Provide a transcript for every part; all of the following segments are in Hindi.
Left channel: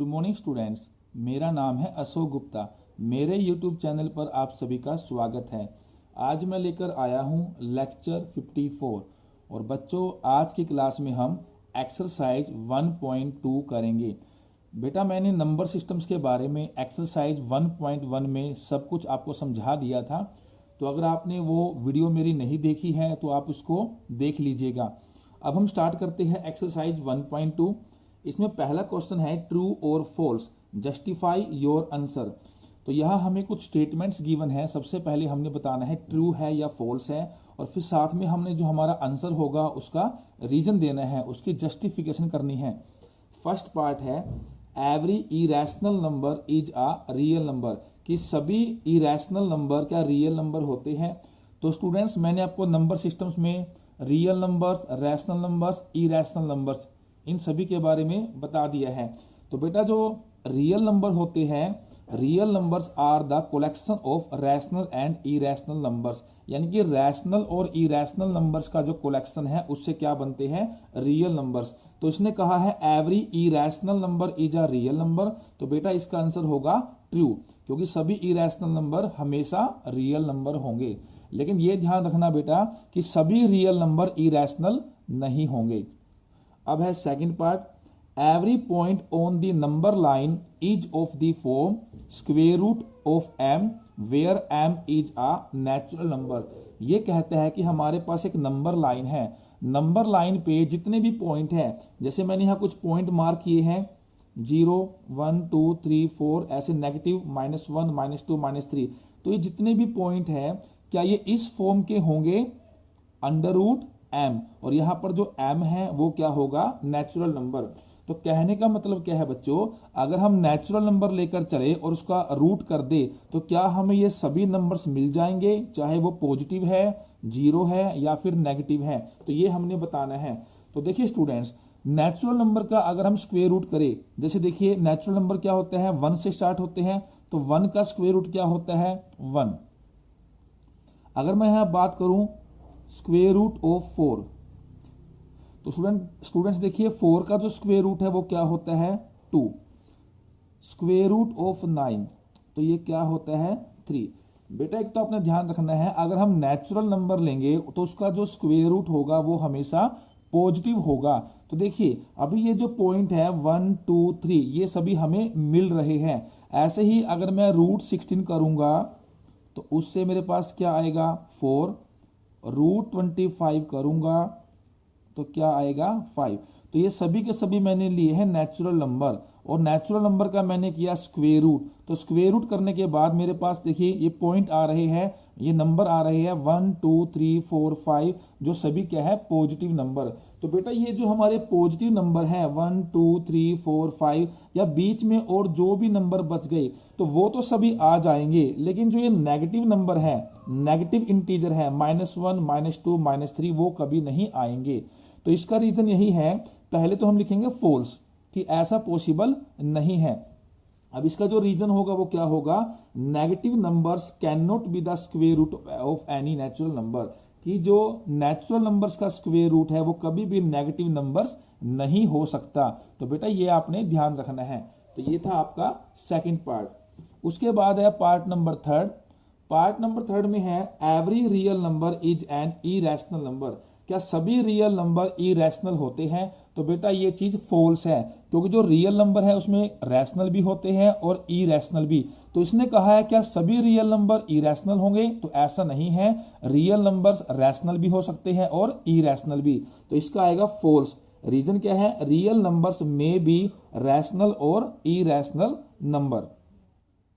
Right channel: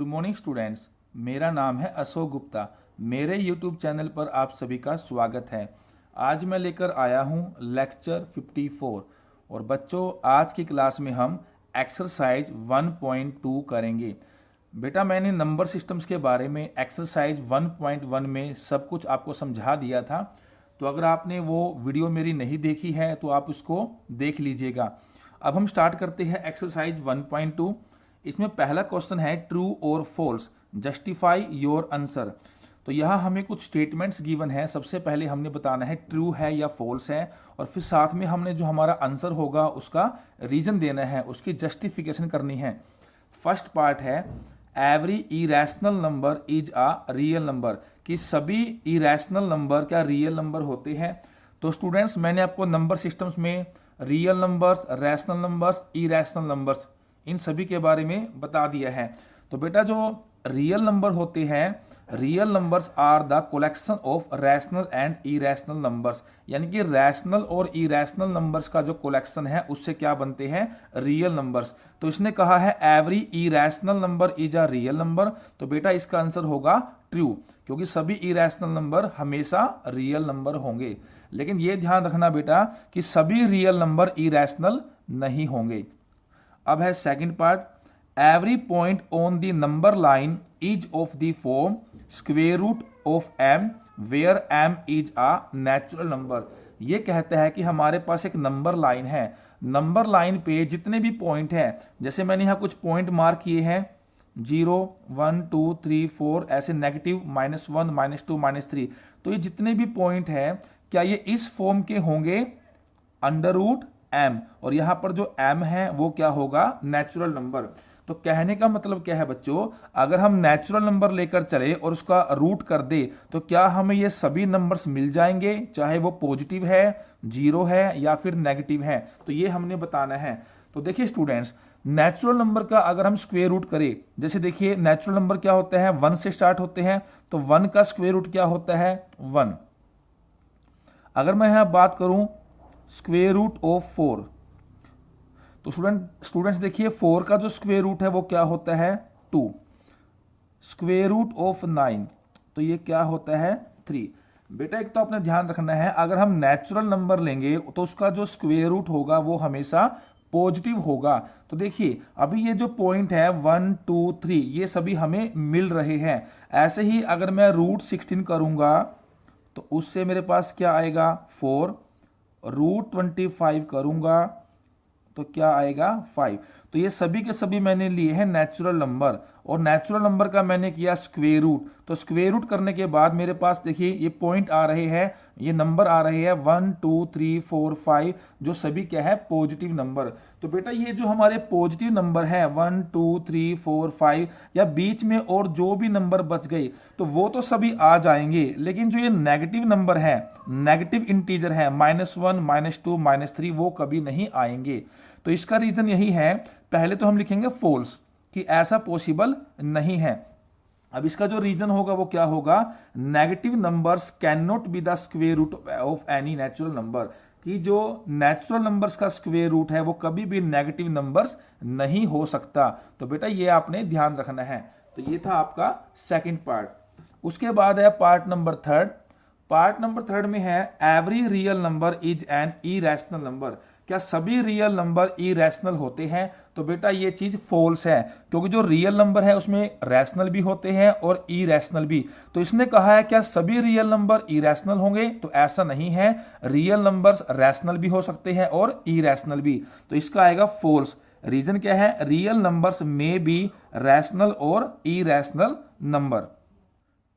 Good morning students. मेरा नाम है अशोक गुप्ता। मेरे यूट्यूब चैनल पर आप सभी का स्वागत है। आज मैं लेकर आया हूं लेक्चर 54 और बच्चों आज की क्लास में हम एक्सरसाइज 1.2 करेंगे। बेटा मैंने नंबर सिस्टम्स के बारे में एक्सरसाइज 1.1 में सब कुछ आपको समझा दिया था, तो अगर आपने वो वीडियो मेरी नहीं देखी है तो आप उसको देख लीजिएगा। अब हम स्टार्ट करते हैं एक्सरसाइज 1.2। इसमें पहला क्वेश्चन है ट्रू और फॉल्स, जस्टिफाई योर आंसर। तो यहाँ हमें कुछ स्टेटमेंट्स गिवन है। सबसे पहले हमने बताना है ट्रू है या फॉल्स है, और फिर साथ में हमने जो हमारा आंसर होगा उसका रीजन देना है, उसकी जस्टिफिकेशन करनी है। फर्स्ट पार्ट है every irrational number is a real number, कि सभी इरेशनल नंबर क्या रियल नंबर होते हैं। तो स्टूडेंट्स मैंने आपको नंबर सिस्टम्स में real numbers, rational numbers, irrational numbers, इन सभी के बारे में बता दिया है। तो बेटा जो रियल नंबर होते हैं, real numbers are the collection of rational and irrational numbers, यानी कि रैशनल और इरेशनल नंबर्स का जो कलेक्शन है उससे क्या बनते हैं, रियल नंबर्स। तो इसने कहा है every irrational number is a real number, तो बेटा इसका आंसर होगा ट्रू, क्योंकि सभी इरेशनल नंबर हमेशा रियल नंबर होंगे। लेकिन यह ध्यान रखना बेटा कि सभी रियल नंबर इरेशनल नहीं होंगे। अब है second part, every point on the number line is of the form square root of m where m is a natural number. ये कहता है कि हमारे पास एक नंबर लाइन है, नंबर लाइन पे जितने भी पॉइंट है, जैसे मैंने यहाँ कुछ पॉइंट मार्क किए हैं 0, 1, 2, 3, 4, ऐसे नेगेटिव -1, -2, -3, तो ये जितने भी पॉइंट है क्या ये इस फॉर्म के होंगे, अंडर रूट m, और यहां पर जो m है वो क्या होगा, नेचुरल नंबर। तो कहने का मतलब क्या है बच्चों, अगर हम नेचुरल नंबर लेकर चले और उसका रूट कर दे तो क्या हमें ये सभी नंबर्स मिल जाएंगे, चाहे वो पॉजिटिव है, जीरो है या फिर नेगेटिव है। तो ये हमने बताना है। तो देखिए स्टूडेंट्स, नेचुरल नंबर का अगर हम स्क्वायर रूट करें, जैसे देखिए नेचुरल नंबर क्या होता है, 1 से स्टार्ट होते हैं, तो 1 का स्क्वायर रूट क्या होता है, 1। अगर मैं यहां बात करूं स्क्वेयर रूट ऑफ 4, तो स्टूडेंट्स देखिए 4 का जो स्क्वेयर रूट है वो क्या होता है, 2। स्क्वेयर रूट ऑफ 9, तो ये क्या होता है, 3। बेटा एक तो आपने ध्यान रखना है, अगर हम नेचुरल नंबर लेंगे तो उसका जो स्क्वेयर रूट होगा वो हमेशा पॉजिटिव होगा। तो देखिए अभी ये जो पॉइंट है 1, 2, 3 ये सभी हमें मिल रहे हैं। ऐसे ही अगर मैं रूट 16 करूंगा तो उससे मेरे पास क्या आएगा, 4। रूट 25 करूंगा तो क्या आएगा, 5। तो ये सभी के सभी मैंने लिए हैं नेचुरल नंबर, और नेचुरल नंबर का मैंने किया स्क्वेयर रूट। तो स्क्वेयर रूट करने के बाद मेरे पास देखिए ये पॉइंट आ रहे हैं, ये नंबर आ रहे हैं 1, 2, 3, 4, 5, जो सभी क्या है, पॉजिटिव नंबर। तो बेटा ये जो हमारे पॉजिटिव नंबर है 1, 2, 3, 4, 5, या बीच में और जो भी नंबर बच गए तो वो तो सभी आ जाएंगे, लेकिन जो ये नेगेटिव नंबर है, नेगेटिव इंटीजर है, -1, -2, -3, वो कभी नहीं आएंगे। तो इसका रीजन यही है, पहले तो हम लिखेंगे फॉल्स, कि ऐसा पॉसिबल नहीं है। अब इसका जो रीजन होगा वो क्या होगा, negative numbers can not be the square root of any natural number, कि जो नेचुरल नंबर्स का स्क्वेयर रूट है वो कभी भी नेगेटिव नंबर्स नहीं हो सकता। तो बेटा ये आपने ध्यान रखना है। तो ये था आपका सेकंड पार्ट। उसके बाद है part number third. Part number third में है every real number is an irrational number, क्या सभी रियल नंबर इरेशनल होते हैं। तो बेटा ये चीज फॉल्स है, क्योंकि जो रियल नंबर है उसमें रैशनल भी होते हैं और इरेशनल भी। तो इसने कहा है क्या सभी रियल नंबर इरेशनल होंगे, तो ऐसा नहीं है, रियल नंबर्स रैशनल भी हो सकते हैं और इरेशनल भी। तो इसका आएगा फॉल्स। रीजन क्या है, रियल नंबर्स में बी रैशनल और इरेशनल नंबर।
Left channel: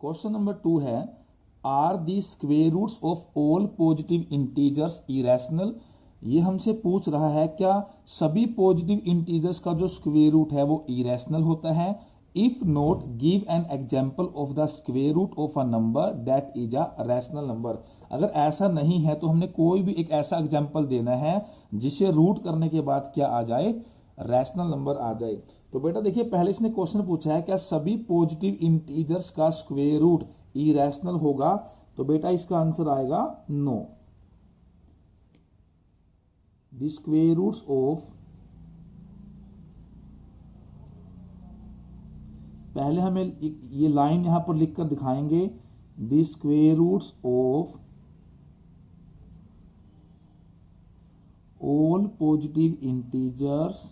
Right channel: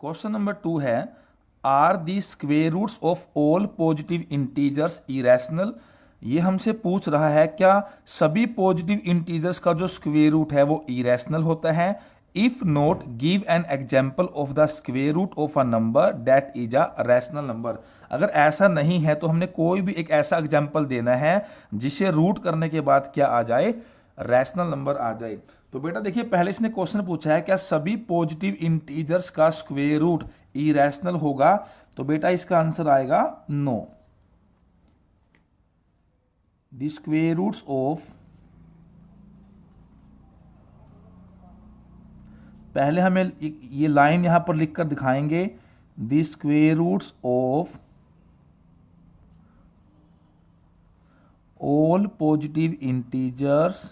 क्वेश्चन नंबर 2 है are the square roots of all positive integers irrational. ये हमसे पूछ रहा है क्या सभी पॉजिटिव इंटीजर्स का जो स्क्वेयर रूट है वो इरेशनल होता है। If not give an example of the square root of a number that is a rational number. अगर ऐसा नहीं है तो हमने कोई भी एक ऐसा एग्जांपल देना है जिसे रूट करने के बाद क्या आ जाए, रैशनल नंबर आ जाए। तो बेटा देखिए पहले इसने क्वेश्चन पूछा है क्या सभी पॉजिटिव इंटीजर्स का स्क्वेयर रूट इरेशनल होगा, तो बेटा इसका आंसर आएगा no. The square roots of पहले हमें ये लाइन यहाँ पर लिखकर दिखाएंगे, the square roots of all positive integers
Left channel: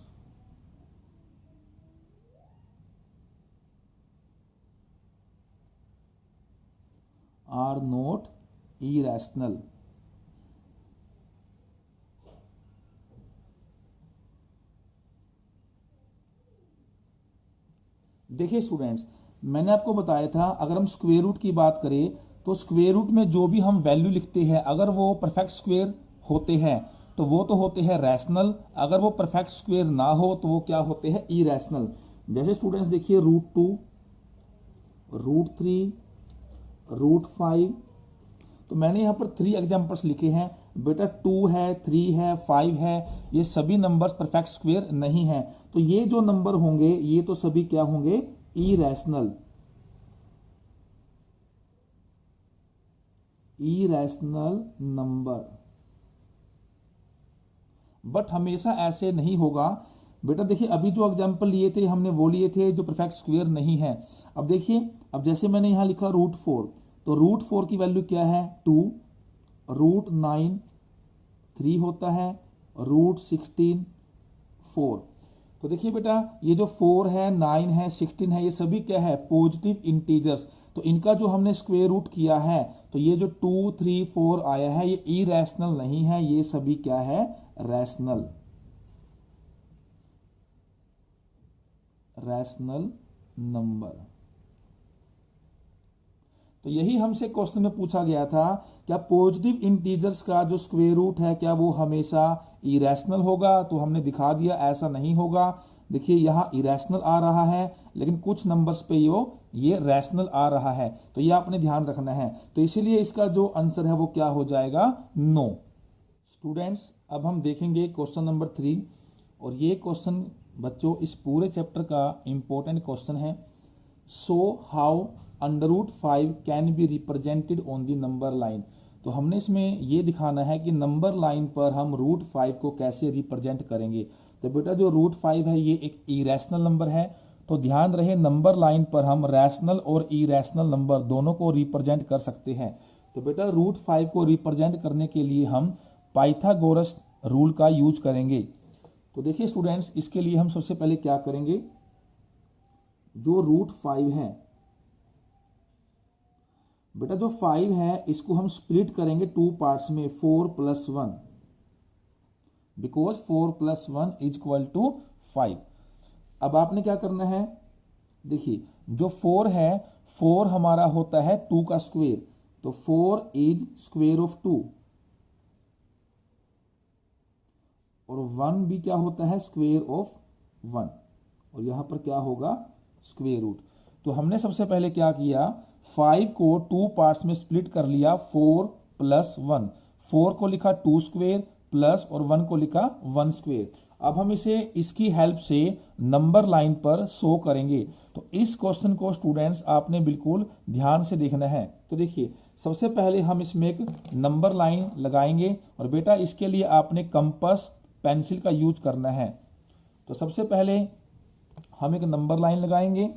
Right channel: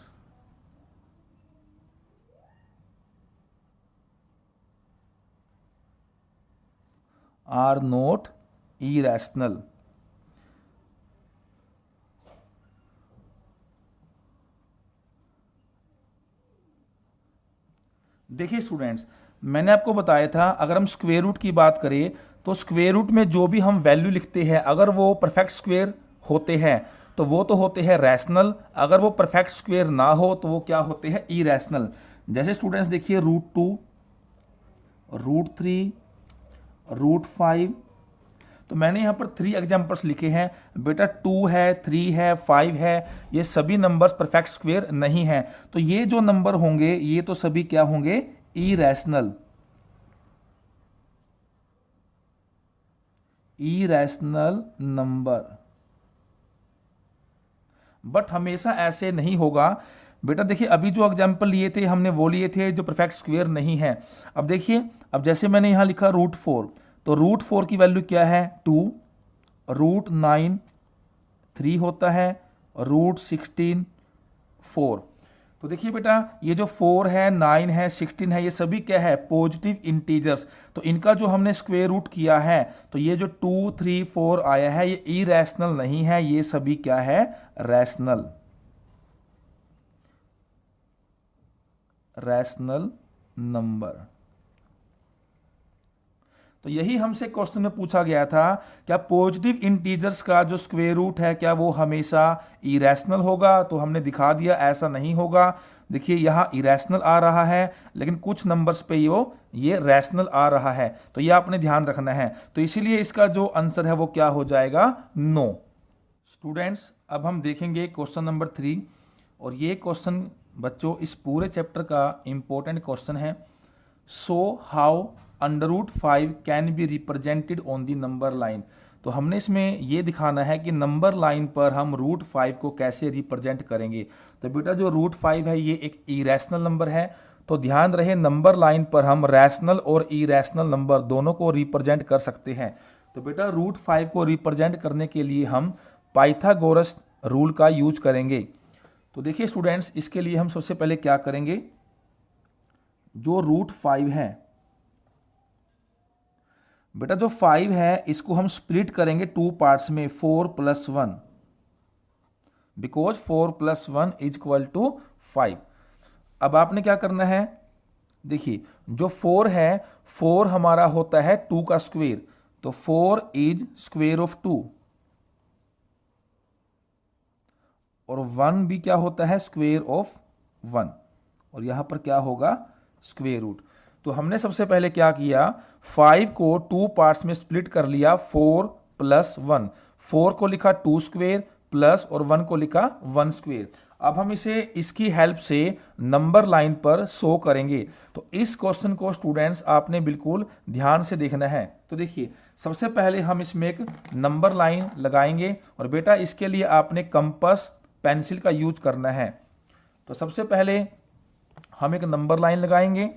are not irrational. देखिए स्टूडेंट्स, मैंने आपको बताया था अगर हम स्क्वायर रूट की बात करें तो स्क्वायर रूट में जो भी हम वैल्यू लिखते हैं अगर वो परफेक्ट स्क्वायर होते हैं तो वो तो होते हैं रैशनल, अगर वो परफेक्ट स्क्वायर ना हो तो वो क्या होते हैं, इरेशनल। जैसे स्टूडेंट्स देखिए √2, √3, √5, तो मैंने यहाँ पर 3 एग्जाम्पल्स लिखे हैं बेटा। 2 है, 3 है, 5 है, ये सभी नंबर्स परफेक्ट स्क्वायर नहीं है। तो ये जो नंबर होंगे ये तो सभी क्या होंगे, इरेशनल, इरेशनल नंबर। बट हमेशा ऐसे नहीं होगा बेटा। देखिए अभी जो एग्जाम्पल लिए थे हमने वो लिए थे जो परफेक्ट स्क्वायर नहीं है। अब देखिए, अब जैसे मैंने यहाँ लिखा √4, तो √4 की वैल्यू क्या है, 2, √9 3 होता है, √16 4। तो देखिए बेटा ये जो 4 है, 9 है, 16 है, ये सभी क्या है, पॉजिटिव इंटीजर्स। तो इनका जो हमने स्क्वायर रूट किया है तो ये जो 2, 3, 4 आया है ये इरेशनल नहीं है, ये सभी क्या है, रैशनल, रैशनल नंबर। तो यही हमसे क्वेश्चन में पूछा गया था, क्या पॉजिटिव इंटीजर्स का जो स्क्वायर रूट है क्या वो हमेशा इरेशनल होगा। तो हमने दिखा दिया ऐसा नहीं होगा। देखिए यहाँ इरेशनल आ रहा है लेकिन कुछ नंबर्स पे ये रैशनल आ रहा है, तो ये आपने ध्यान रखना है। तो इसीलिए इसका जो आंसर है वो क्या हो जाएगा, नो। स्टूडेंट्स अब हम देखेंगे क्वेश्चन नंबर 3, और ये क्वेश्चन बच्चों इस पूरे चैप्टर का इंपॉर्टेंट क्वेश्चन है। So how √5 can be represented on the number line. तो हमने इसमें ये दिखाना है कि नंबर लाइन पर हम √5 को कैसे रिप्रेजेंट करेंगे। तो बेटा जो √5 है ये एक इरेशनल नंबर है, तो ध्यान रहे नंबर लाइन पर हम रैशनल और इरेशनल नंबर दोनों को रिप्रेजेंट कर सकते हैं। तो बेटा √5 को रिप्रेजेंट करने के लिए हम पाइथागोरस रूल का यूज करेंगे। तो देखिए स्टूडेंट्स, इसके लिए हम सबसे पहले क्या करेंगे, जो √5 है बेटा, जो 5 है इसको हम स्प्लिट करेंगे 2 पार्ट्स में, 4 + 1, बिकॉज 4 + 1 = 5। अब आपने क्या करना है, देखिए जो 4 है, 4 हमारा होता है 2 का स्क्वायर, तो 4 इज स्क्वायर ऑफ 2, और 1 भी क्या होता है, स्क्वायर ऑफ 1, और यहां पर क्या होगा, स्क्वायर रूट। तो हमने सबसे पहले क्या किया, 5 को 2 पार्ट्स में स्प्लिट कर लिया, 4 + 1, 4 को लिखा 2 स्क्वायर प्लस और 1 को लिखा 1 स्क्वायर। अब हम इसे इसकी हेल्प से नंबर लाइन पर शो करेंगे। तो इस क्वेश्चन को स्टूडेंट्स आपने बिल्कुल ध्यान से देखना है। तो देखिए सबसे पहले हम इसमें एक नंबर लाइन लगाएंगे, और बेटा इसके लिए आपने कंपास पेंसिल का यूज करना है। तो सबसे पहले हम एक नंबर लाइन लगाएंगे,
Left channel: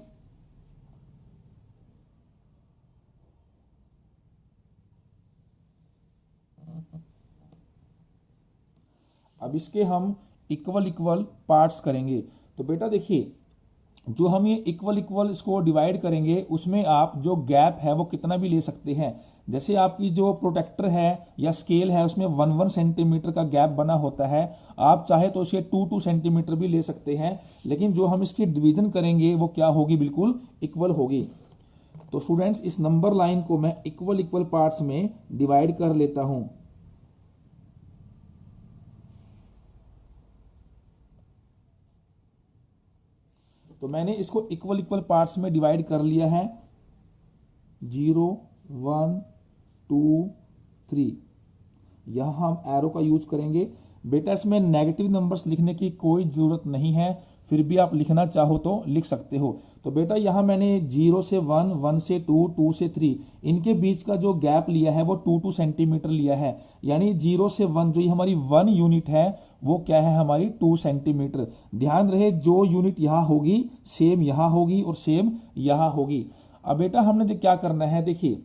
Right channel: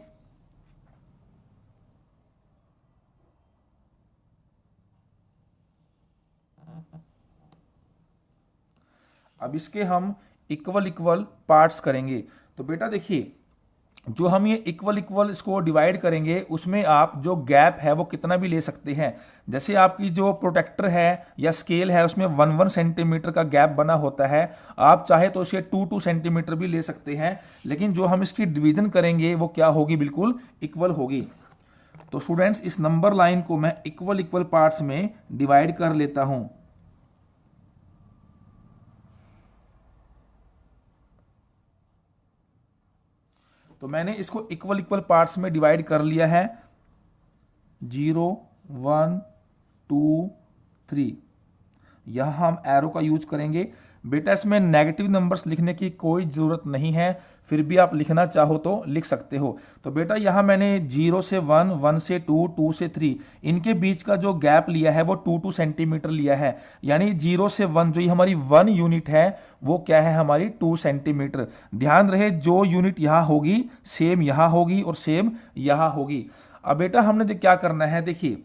अब इसके हम इक्वल इक्वल पार्ट्स करेंगे। तो बेटा देखिए जो हम ये इक्वल इक्वल इसको डिवाइड करेंगे उसमें आप जो गैप है वो कितना भी ले सकते हैं। जैसे आपकी जो प्रोटेक्टर है या स्केल है उसमें 1 सेंटीमीटर का गैप बना होता है, आप चाहे तो उसे 2 सेंटीमीटर भी ले सकते हैं, लेकिन जो हम इसकी डिवीजन करेंगे वो क्या होगी, बिल्कुल इक्वल होगी। तो स्टूडेंट्स इस नंबर लाइन को मैं इक्वल इक्वल पार्ट्स में डिवाइड कर लेता हूं। तो मैंने इसको इक्वल इक्वल पार्ट्स में डिवाइड कर लिया है, 0, 1, 2, 3। यहां हम एरो का यूज करेंगे। बेटा इसमें नेगेटिव नंबर्स लिखने की कोई ज़रूरत नहीं है, फिर भी आप लिखना चाहो तो लिख सकते हो। तो बेटा यहाँ मैंने 0 से 1, 1 से 2, 2 से 3, इनके बीच का जो गैप लिया है वो 2 सेंटीमीटर लिया है। यानी 0 से 1 जो ये हमारी 1 यूनिट है वो क्या है, हमारी 2 सेंटीमीटर। ध्यान रहे जो यूनिट यहाँ होगी सेम यहाँ होगी और सेम यहाँ होगी। अब बेटा हमने क्या करना है, देखिए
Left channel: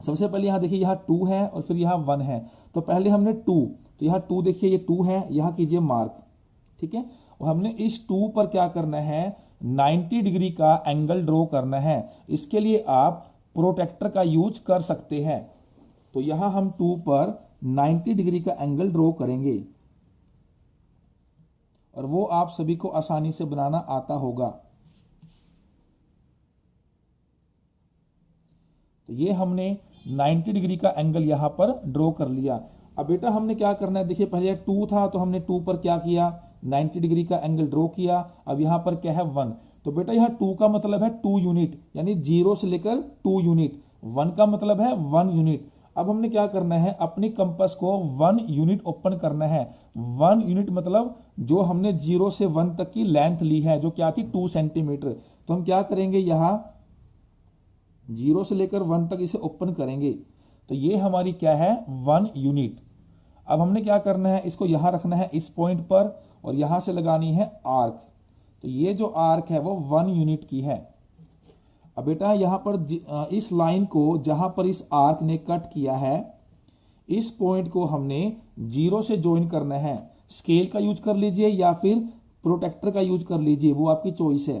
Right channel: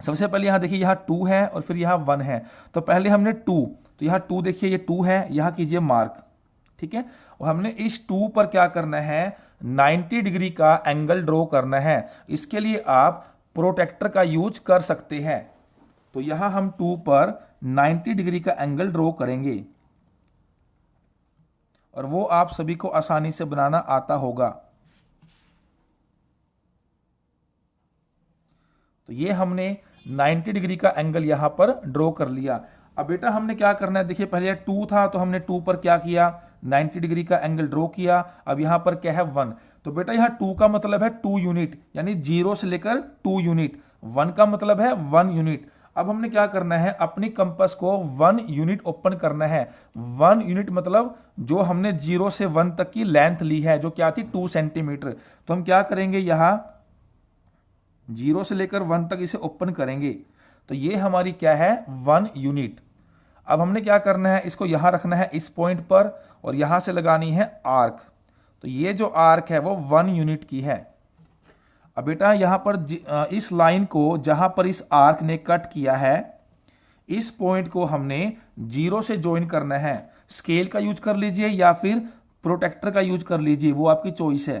सबसे पहले यहाँ देखिए यहाँ 2 है और फिर यहाँ 1 है। तो पहले हमने 2, तो यहाँ 2 देखिए ये 2 है, यहाँ कीजिए मार्क, ठीक है। और हमने इस 2 पर क्या करना है, 90 डिग्री का एंगल ड्रॉ करना है। इसके लिए आप प्रोटेक्टर का यूज कर सकते हैं। तो यहाँ हम 2 पर 90 डिग्री का एंगल ड्रॉ करेंगे और वो आप सभी को आसानी से बनाना आता होगा। तो ये हमने 90 डिग्री का एंगल यहां पर ड्रॉ कर लिया। अब बेटा हमने क्या करना है, देखिए पहले 2 था तो हमने 2 पर क्या किया, 90 डिग्री का एंगल ड्रॉ किया। अब यहां पर क्या है 1, तो बेटा यहां 2 का मतलब है 2 यूनिट, यानी 0 से लेकर 2 यूनिट। 1 का मतलब है 1 यूनिट। अब हमने क्या करना है, अपनी कंपास को 1 यूनिट ओपन करना है। 1 यूनिट मतलब जो हमने 0 से 1 तक की लेंथ ली है जो क्या थी 2 सेंटीमीटर। तो हम क्या करेंगे, यहां 0 से लेकर 1 तक इसे ओपन करेंगे। तो ये हमारी क्या है 1 यूनिट। अब हमने क्या करना है, इसको यहां रखना है इस पॉइंट पर और यहां से लगानी है आर्क। तो ये जो आर्क है वो 1 यूनिट की है। अब बेटा यहां पर इस लाइन को जहां पर इस आर्क ने कट किया है, इस पॉइंट को हमने 0 से ज्वाइन करना है। स्केल का यूज कर लीजिए या फिर प्रोटेक्टर का यूज कर लीजिए, वो आपकी चॉइस है।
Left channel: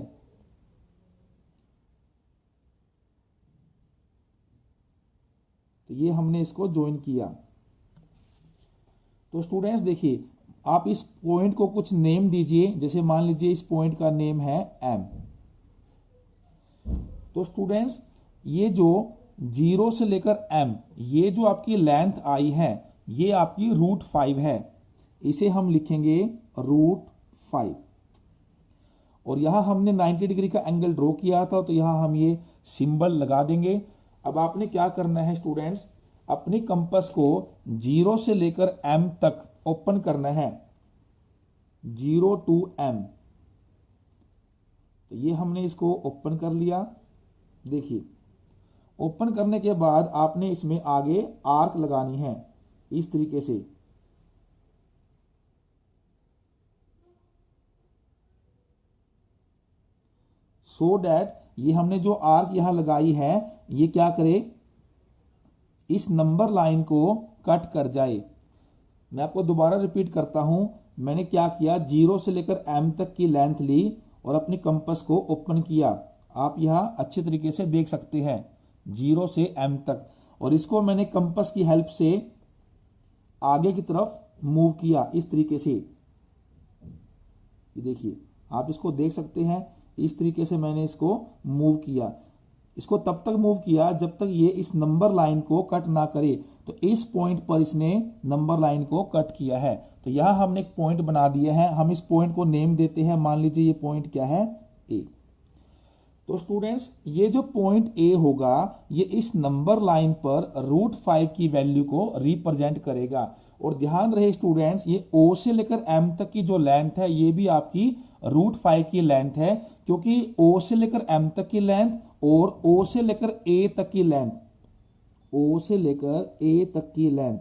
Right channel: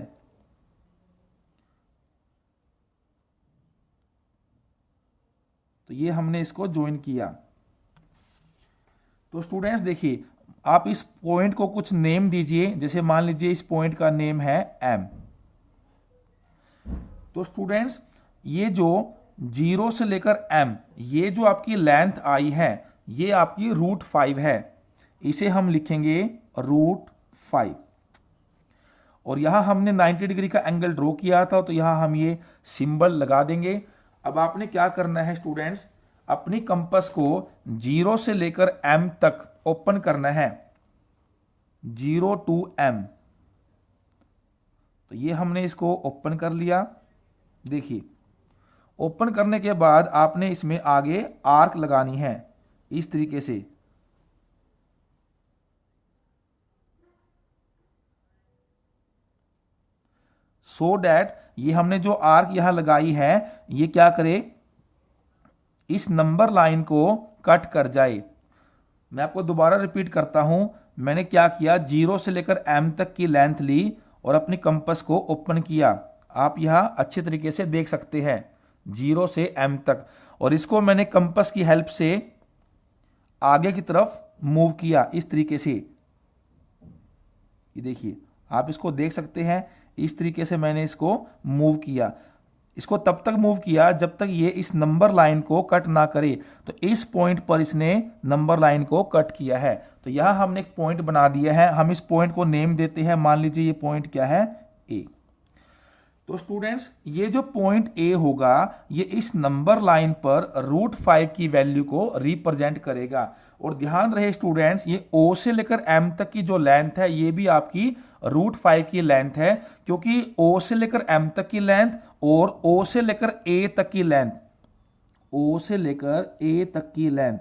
तो ये हमने इसको ज्वाइन किया। तो स्टूडेंट्स देखिए, आप इस पॉइंट को कुछ नेम दीजिए। जैसे मान लीजिए इस पॉइंट का नेम है M। तो स्टूडेंट्स ये जो 0 से लेकर M, ये जो आपकी लेंथ आई है ये आपकी √5 है। इसे हम लिखेंगे √5। और यहां हमने 90 डिग्री का एंगल ड्रॉ किया था तो यहां हम ये सिंबल लगा देंगे। अब आपने क्या करना है स्टूडेंट्स, अपनी कंपास को 0 से लेकर M तक ओपन करना है, 0 to M। तो ये हमने इसको ओपन कर लिया। देखिए ओपन करने के बाद आपने इसमें आगे आर्क लगानी है इस तरीके से। सो दैट ये हमने जो आर्क यहां लगाई है ये क्या करे, इस नंबर लाइन को कट कर जाए। मैं आपको दोबारा रिपीट करता हूं, मैंने क्या किया, 0 से लेकर M तक की लेंथ ली और अपनी कंपास को ओपन किया। आप यहां अच्छे तरीके से देख सकते हैं 0 से M तक। और इसको मैंने कंपास की हेल्प से आगे की तरफ मूव किया इस तरीके से। ये देखिए आप इसको देख सकते हैं, इस तरीके से मैंने इसको मूव किया। इसको तब तक मूव किया जब तक ये इस नंबर लाइन को कट ना करे। तो इस पॉइंट पर इसने नंबर लाइन को कट किया है। तो यहां हमने एक पॉइंट बना दिया है। हम इस पॉइंट को नेम देते हैं, मान लीजिए ये पॉइंट क्या है, ए। तो स्टूडेंट्स ये जो पॉइंट ए होगा ये इस नंबर लाइन पर √5 की वैल्यू को रिप्रेजेंट करेगा। और ध्यान रहे स्टूडेंट्स, ये O से लेकर M तक की जो लेंथ है ये भी आपकी √5 की लेंथ है, क्योंकि O से लेकर M तक की लेंथ और O से लेकर A तक की लेंथ, O से लेकर A तक की लेंथ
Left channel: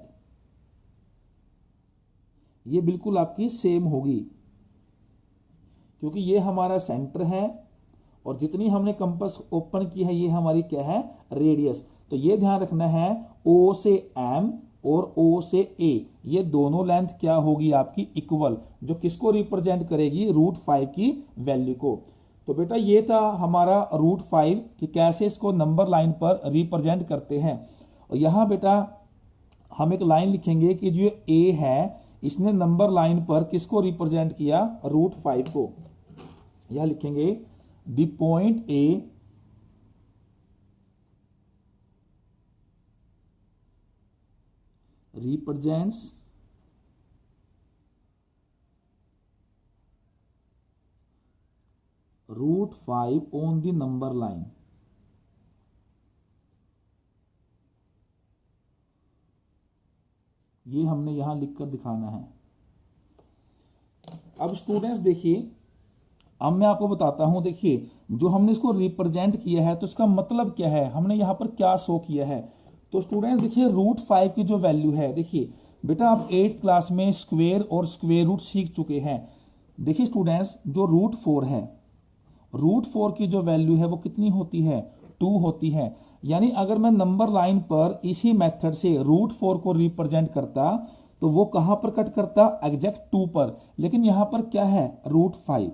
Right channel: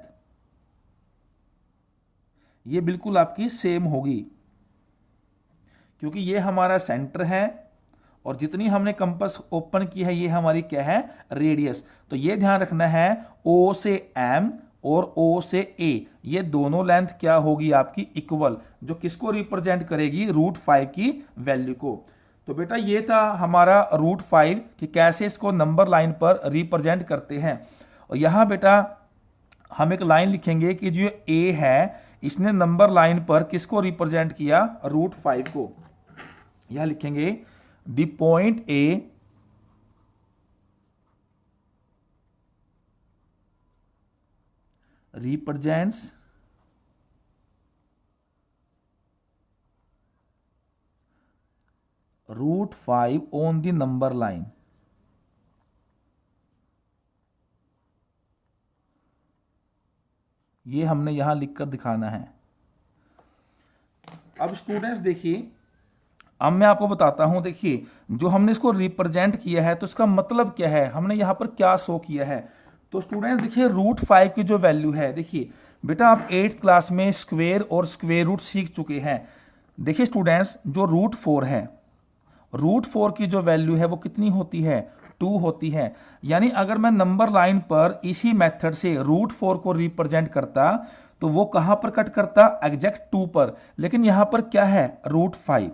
ये बिल्कुल आपकी सेम होगी, क्योंकि ये हमारा सेंटर है और जितनी हमने कंपास ओपन की है ये हमारी क्या है, रेडियस। तो ये ध्यान रखना है O से M और O से A ये दोनों लेंथ क्या होगी आपकी इक्वल, जो किसको रिप्रेजेंट करेगी, √5 की वैल्यू को। तो बेटा ये था हमारा √5 कि कैसे इसको नंबर लाइन पर रिप्रेजेंट करते हैं। और यहां बेटा हम एक लाइन लिखेंगे कि जो A है इसने नंबर लाइन पर किसको रिप्रेजेंट किया, √5 को। यह लिखेंगे the point A represents √5 on the number line। ये हमने यहां लिखकर दिखाना है। अब स्टूडेंट्स देखिए, अब मैं आपको बताता हूं, देखिए जो हमने इसको रिप्रेजेंट किया है तो इसका मतलब क्या है, हमने यहाँ पर क्या शो किया है। तो स्टूडेंट्स देखिए √5 की जो वैल्यू है, देखिए बेटा आप 8th क्लास में स्क्वेयर और स्क्वेयर रूट सीख चुके हैं। देखिए स्टूडेंट्स, जो √4 है, √4 की जो वैल्यू है वो कितनी होती है, 2 होती है। यानी अगर मैं नंबर लाइन पर इसी मेथड से √4 को रिप्रेजेंट करता तो वो कहां पर कट करता, एग्जैक्ट 2 पर। लेकिन यहां पर क्या है, √5।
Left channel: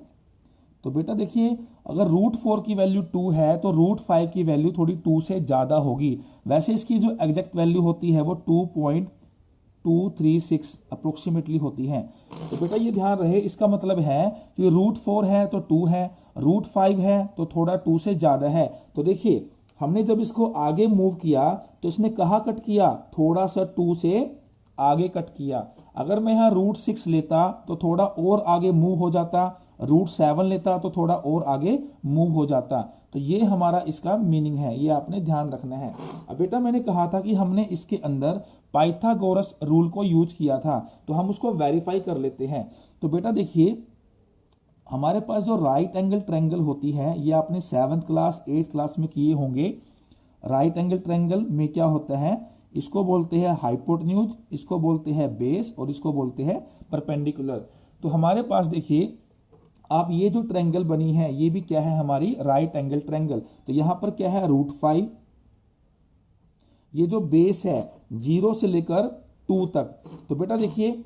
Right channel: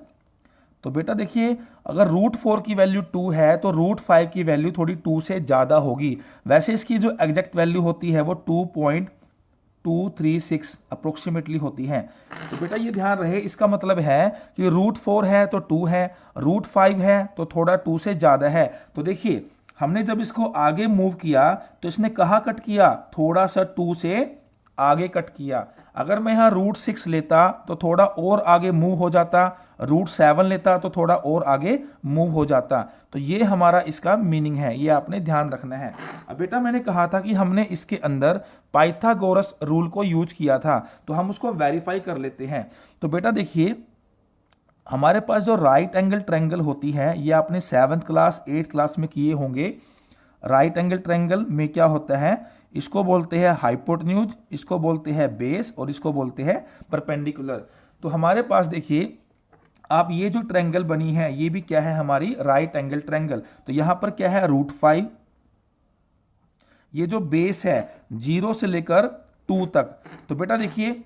तो बेटा देखिए, अगर √4 की वैल्यू 2 है तो √5 की वैल्यू थोड़ी 2 से ज्यादा होगी। वैसे इसकी जो एग्जैक्ट वैल्यू होती है वो 2.236 अप्रोक्सीमेटली होती है। तो बेटा ये ध्यान रहे, इसका मतलब है कि √4 है तो 2 है, √5 है तो थोड़ा 2 से ज्यादा है। तो देखिए हमने जब इसको आगे मूव किया तो इसने कहाँ कट किया, थोड़ा सा 2 से आगे कट किया। अगर मैं यहाँ √6 लेता तो थोड़ा और आगे मूव हो जाता, √7 लेता तो थोड़ा और आगे मूव हो जाता। तो ये हमारा इसका मीनिंग है, ये आपने ध्यान रखना है। अब बेटा मैंने कहा था कि हमने इसके अंदर पाइथागोरस रूल को यूज किया था, तो हम उसको वेरीफाई कर लेते हैं। तो बेटा देखिए, हमारे पास जो राइट एंगल ट्रायंगल होती है, ये आपने 7th क्लास 8th क्लास में किए होंगे। राइट एंगल ट्रायंगल में क्या होता है, इसको बोलते हैं हाइपोटेन्यूज, इसको बोलते हैं बेस और इसको बोलते हैं परपेंडिकुलर। तो हमारे पास देखिए, आप ये जो ट्रायंगल बनी है ये भी क्या है, हमारी राइट एंगल ट्रायंगल। तो यहां पर क्या है, √5। ये जो बेस है 0 से लेकर 2 तक। तो बेटा देखिए,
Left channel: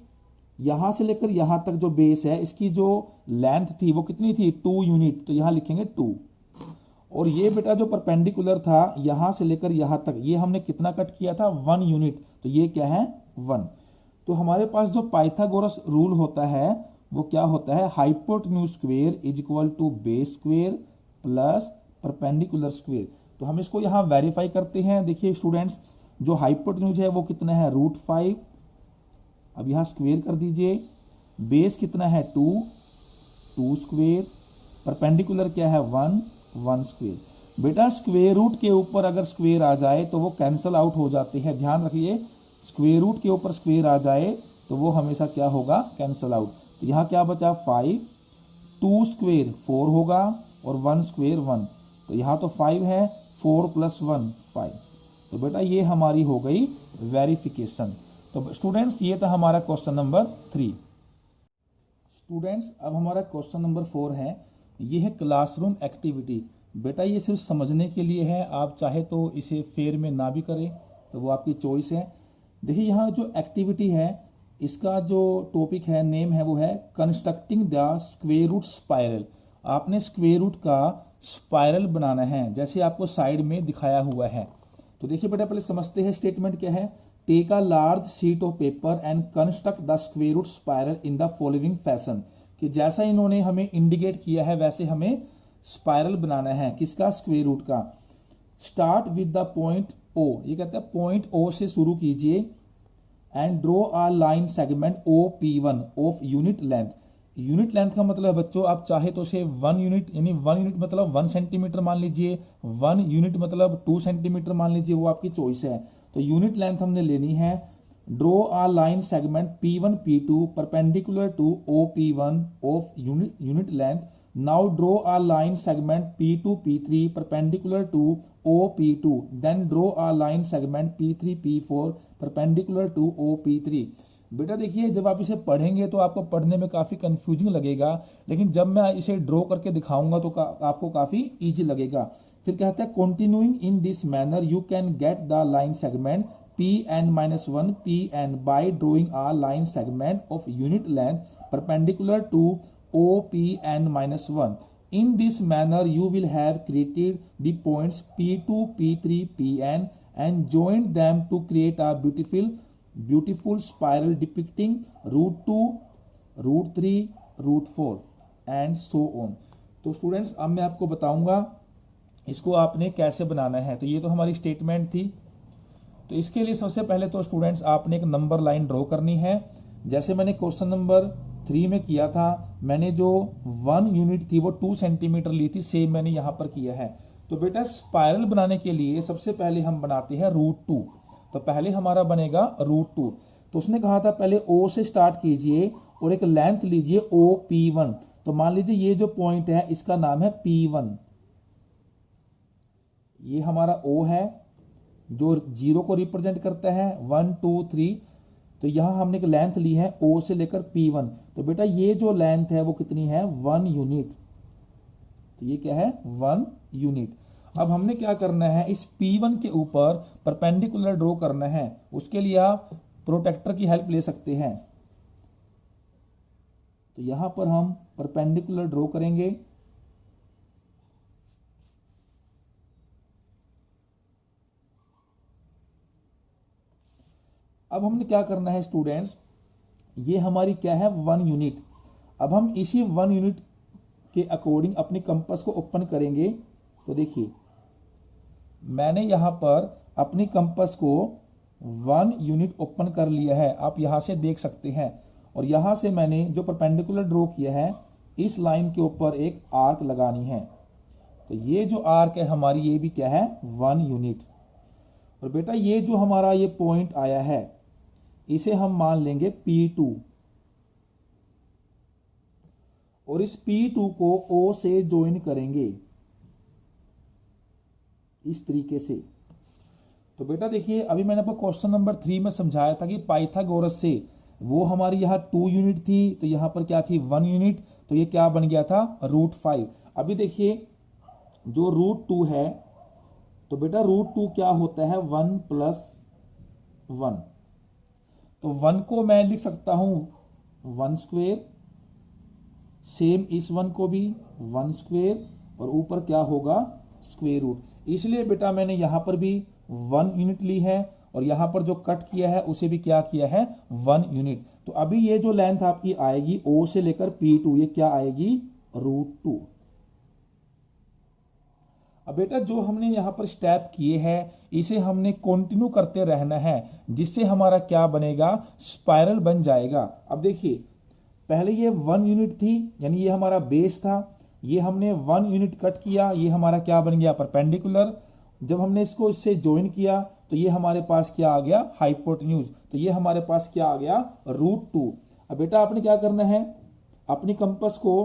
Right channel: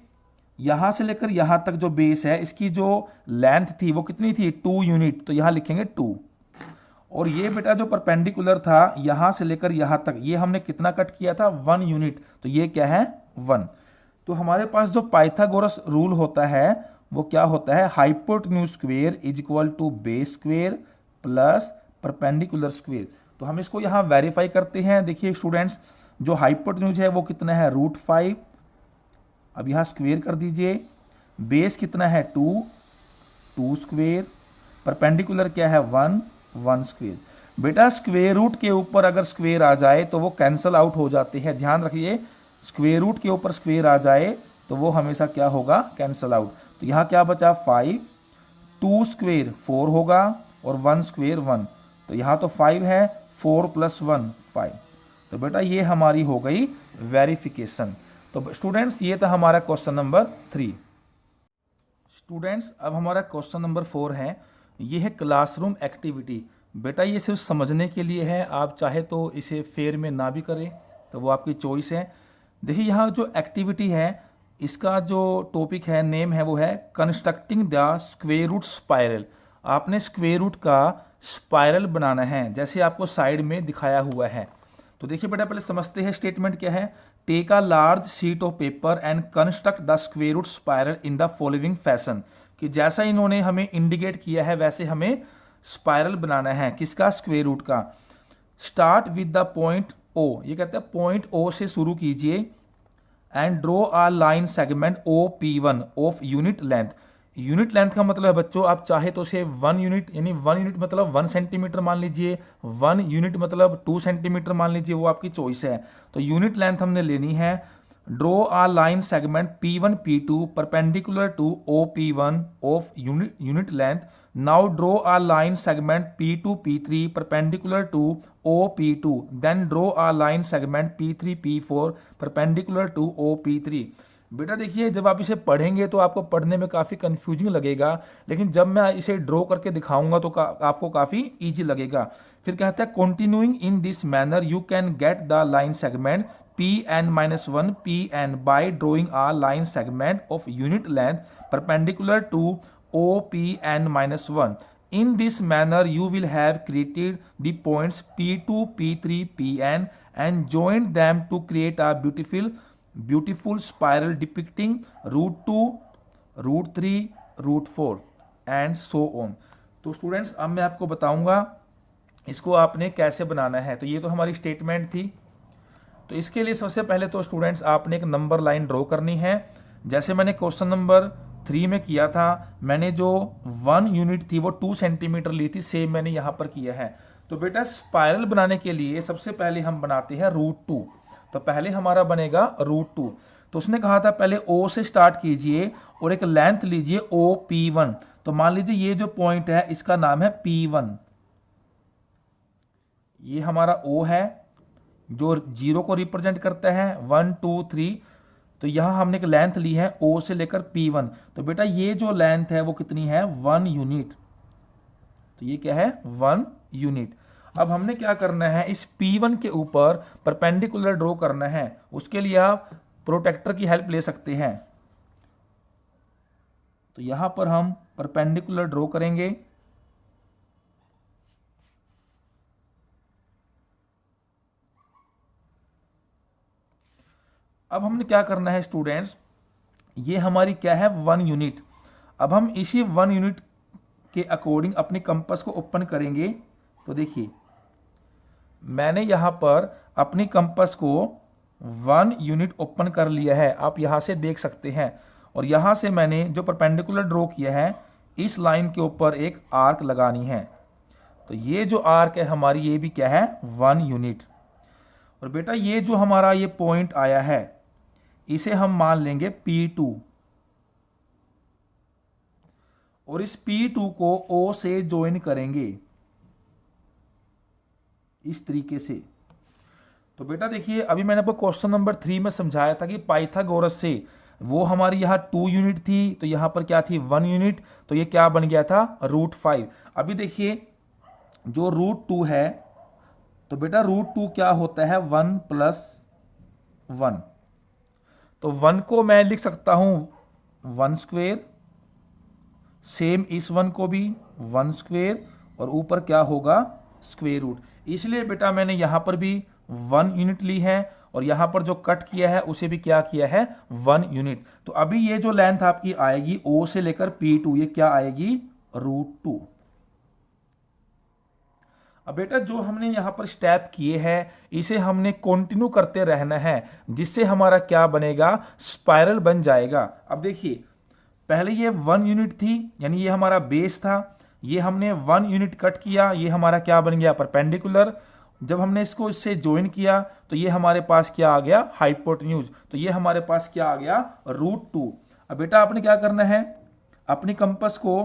यहां से लेकर यहां तक जो बेस है, इसकी जो लेंथ थी वो कितनी थी, 2 यूनिट। तो यहां लिखेंगे 2। और ये बेटा जो परपेंडिकुलर था यहां से लेकर यहां तक, ये हमने कितना कट किया था, 1 यूनिट। तो ये क्या है, 1। तो हमारे पास जो पाइथागोरस रूल होता है वो क्या होता है, hypotenuse square is equal to base square plus perpendicular square. तो हम इसको यहाँ वेरीफाई करते हैं। देखिए स्टूडेंट्स, जो हाइपोटेन्यूज है वो कितना है, √5। अब यहाँ स्क्वेयर कर दीजिए। बेस कितना है, 2 स्क्वेयर। परपेंडिकुलर क्या है, 1 स्क्वेयर। बेटा स्क्वेयर रूट के ऊपर अगर स्क्वेयर आ जाए तो वो कैंसल आउट हो जाते हैं, ध्यान रखिए। स्क्वेयर रूट के ऊपर स्क्वेयर आ जाए तो वो हमेशा क्या होगा, कैंसल आउट। तो यहाँ क्या बचा, 5। 2 स्क्वेयर 4 होगा और 1 स्क्वेयर 1। तो यहाँ तो 5 है, 4 + 1 5। तो बेटा ये हमारी हो गई वेरिफिकेशन। तो स्टूडेंट्स ये था हमारा क्वेश्चन नंबर 3। स्टूडेंट्स अब हमारा क्वेश्चन नंबर 4 है, ये है क्लासरूम एक्टिविटी। बेटा ये सिर्फ समझने के लिए है, आप चाहे तो इसे फेयर में ना भी करें, तो वो आपकी चॉइस है। देखिए यहाँ जो एक्टिविटी है, इसका जो टॉपिक है, नेम है, वो है constructing the square root spiral. आपने स्क्वेयर रूट का स्पाइरल बनाना है, जैसे आपको साइड में दिखाया हुआ है। तो देखिए बेटा पहले समझते हैं स्टेटमेंट क्या है। Take a large sheet of paper and construct the square root spiral in the following fashion. कि जैसा इन्होंने हमें इंडिकेट किया है वैसे हमें स्पाइरल बनाना है, किसका, स्क्वेयर रूट का। Start with the point O, ये कहते हैं पॉइंट O से शुरू कीजिए and draw a line segment OP1 of unit length. Unit length का मतलब है बच्चों, आप चाहे तो उसे 1 यूनिट, यानी 1 यूनिट मतलब 1 सेंटीमीटर मान लीजिए, 1 यूनिट मतलब 2 सेंटीमीटर मान लीजिए, वो आपकी चॉइस है। तो यूनिट लेंथ हमने लेनी है। Draw a line segment P1 P2 perpendicular to OP1 of unit length. Now draw a line segment P2 P3 perpendicular to OP2। Then draw a line segment P3 P4 perpendicular to OP3। बेटा देखिए, जब आप इसे पढ़ेंगे तो आपको पढ़ने में काफ़ी कंफ्यूजिंग लगेगा, लेकिन जब मैं इसे ड्रॉ करके दिखाऊंगा तो आपको काफ़ी इजी लगेगा। फिर कहता है continuing in this manner you can get the line segment Pn-1 Pn by drawing a line segment of unit length perpendicular to OPn-1. In this manner you will have created the points P2 P3 Pn and joined them to create a beautiful spiral depicting √2 √3 √4 and so on। तो स्टूडेंट्स अब मैं आपको बताऊंगा इसको आपने कैसे बनाना है। तो ये तो हमारी स्टेटमेंट थी। तो इसके लिए सबसे पहले तो स्टूडेंट्स आपने एक नंबर लाइन ड्रॉ करनी है, जैसे मैंने क्वेश्चन नंबर 3 में किया था। मैंने जो 1 यूनिट थी वो 2 सेंटीमीटर ली थी, सेम मैंने यहाँ पर किया है। तो बेटा स्पाइरल बनाने के लिए सबसे पहले हम बनाते हैं √2। तो पहले हमारा बनेगा √2। तो उसने कहा था पहले O से स्टार्ट कीजिए और एक लेंथ लीजिए OP1। तो मान लीजिए ये जो पॉइंट है इसका नाम है P1। ये हमारा O है जो 0 को रिप्रेजेंट करता है, 1 2 3। तो यहां हमने एक लेंथ ली है O से लेकर P1। तो बेटा ये जो लेंथ है वो कितनी है, 1 यूनिट। तो ये क्या है, 1 यूनिट। अब हमने क्या करना है, इस P1 के ऊपर परपेंडिकुलर ड्रॉ करना है। उसके लिए आप प्रोटेक्टर की हेल्प ले सकते हैं। तो यहां पर हम परपेंडिकुलर ड्रॉ करेंगे। अब हमने क्या करना है स्टूडेंट्स, ये हमारी क्या है, 1 यूनिट। अब हम इसी 1 यूनिट के अकॉर्डिंग अपनी कंपास को ओपन करेंगे। तो देखिए मैंने यहां पर अपनी कंपास को 1 यूनिट ओपन कर लिया है, आप यहां से देख सकते हैं। और यहां से मैंने जो परपेंडिकुलर ड्रॉ किया है, इस लाइन के ऊपर एक आर्क लगानी है। तो ये जो आर्क है हमारी, ये भी क्या है, 1 यूनिट। और बेटा ये जो हमारा ये पॉइंट आया है, इसे हम मान लेंगे P2। और इस P2 को O से ज्वाइन करेंगे इस तरीके से। तो बेटा देखिए अभी मैंने आपको क्वेश्चन नंबर 3 में समझाया था कि पाइथागोरस से वो हमारी यहाँ 2 यूनिट थी, तो यहां पर क्या थी, 1 यूनिट। तो ये क्या बन गया था, √5। अभी देखिए जो √2 है, तो बेटा √2 क्या होता है, 1 + 1। तो 1 को मैं लिख सकता हूं 1 स्क्वेयर, सेम इस 1 को भी 1 स्क्वेयर, और ऊपर क्या होगा, स्क्वेयर रूट। इसलिए बेटा मैंने यहां पर भी 1 यूनिट ली है, और यहां पर जो कट किया है उसे भी क्या किया है, 1 यूनिट। तो अभी ये जो लेंथ आपकी आएगी O से लेकर P2, ये क्या आएगी, √2। अब बेटा जो हमने यहां पर स्टेप किए हैं, इसे हमने कंटिन्यू करते रहना है, जिससे हमारा क्या बनेगा, स्पाइरल बन जाएगा। अब देखिए पहले ये 1 यूनिट थी, यानी ये हमारा बेस था। ये हमने 1 यूनिट कट किया, ये हमारा क्या बन गया, परपेंडिकुलर। जब हमने इसको इससे ज्वाइन किया तो ये हमारे पास क्या आ गया, हाइपोटेन्यूज। तो ये हमारे पास क्या आ गया, √2। अब बेटा आपने क्या करना है, अपनी कंपास को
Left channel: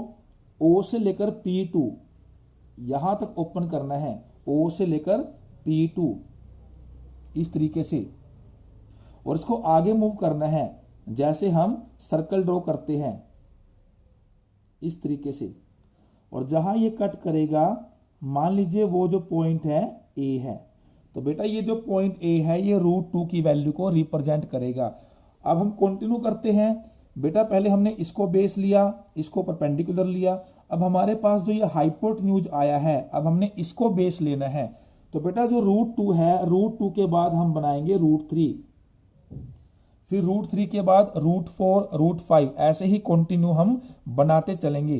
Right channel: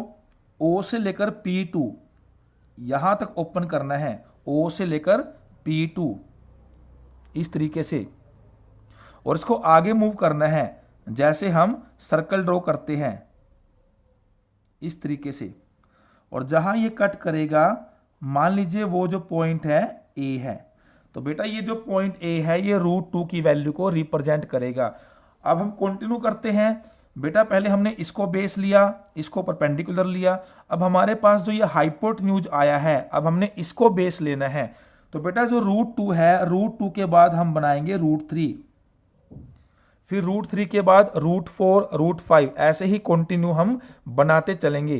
O से लेकर P2 यहां तक ओपन करना है, O से लेकर P2 इस तरीके से। और इसको आगे मूव करना है जैसे हम सर्कल ड्रॉ करते हैं, इस तरीके से। और जहां ये कट करेगा, मान लीजिए वो जो पॉइंट है A है। तो बेटा ये जो पॉइंट A है, ये √2 की वैल्यू को रिप्रेजेंट करेगा। अब हम कंटिन्यू करते हैं। बेटा पहले हमने इसको बेस लिया, इसको परपेंडिकुलर लिया। अब हमारे पास जो ये हाइपोटेन्यूज आया है, अब हमने इसको बेस लेना है। तो बेटा जो √2 है, √2 के बाद हम बनाएंगे √3, फिर √3 के बाद √4, √5, ऐसे ही कंटिन्यू हम बनाते चलेंगे।